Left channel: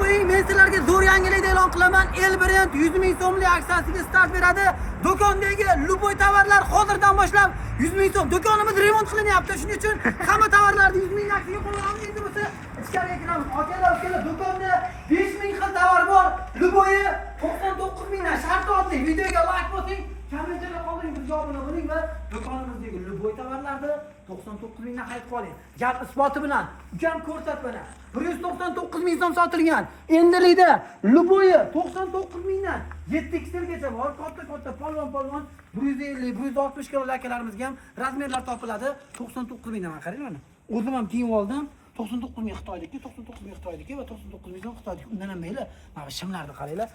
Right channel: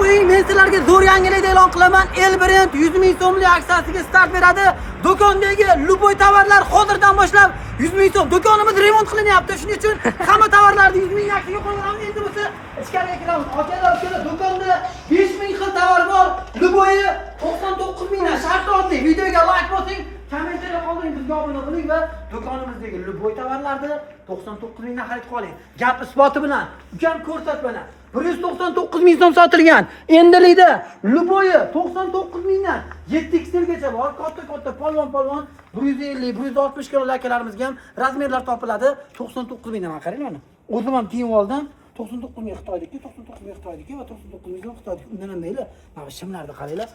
qo'ying, men sizlarga zo'r yangilik e'lon qilaman. El brend 100 ming so'mlik aksiyasiga start beradi. Do'kondagi luboy tovarlar hozirdan boshlab 100 ming so'm. Do'konimiz remont qilinyapti. Shuning uchun hamma tovarlarni 100 ming aksiyaga qo'yamiz. Endi bo'lsa ichkariga kiramiz. Akalar, do'konda 5 ming xil tovar bor. Luboyi 99 mingdan. Sharti oddiy. Videoga like bosing, kommentariyga qoldiring, bizga obuna bo'ling va do'konimizdagi luboy tovarlarni 99 mingdan xarid qiling. Gap isboti bilan, ukam ko'rsatmalar. 199 ming so'm sotilgan. Endilikda luboyi 99 mingdan 7 xlgacha bor. Katta polvon 150, 160 kilo akalarimizga ham razmerlar topiladi. 99 mingdan qarang mana. O'zim ham kiyib oldim. 99 ming Xitoydagi, 99 ming Xitoydagi va 99 ming Xitoydagi. Undan ham mayli. Mana shimlarni qaranglar.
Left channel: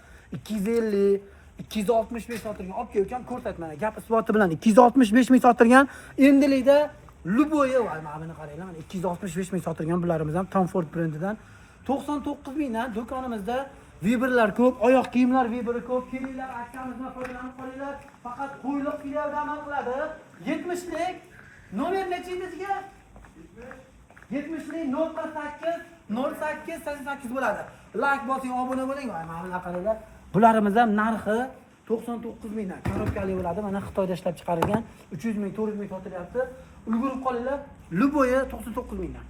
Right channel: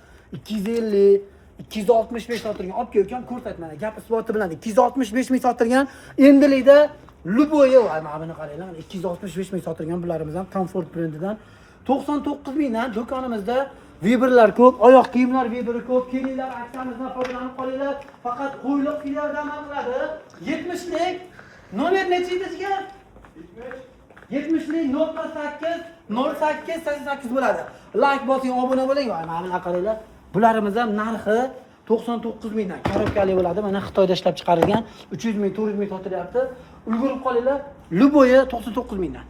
250 265 sotilgan. Olib kelgan ko'rsatmani. Gap isboti bilan 265 ming sotilgan. Endilikda luboyi mana buni qaranglar. 265 ming sotilgan bularimiz ham Comfort brendidan. 99 mingdan do'konimizda Viberlar ko'p, oyoq kiyimlar Viberi ko'p. Kelinglar, aksiyamizdan foydalanib qolinglar. Faqat qo'yliq filialda amal qiladi. 70lik nomer nechinchisiga? 70lik 08 bo'ladi. Like bosing, obuna bo'ling. Mana buni qaranglar. Bularimiz ham narxi 99 mingdan korobkali bo'ladi. Mana Xitoyda ishlab chiqarilgan 300 ming, 400 ming sotilyapti. Ulgurib qolinglar. Luboyi 99 mingdan.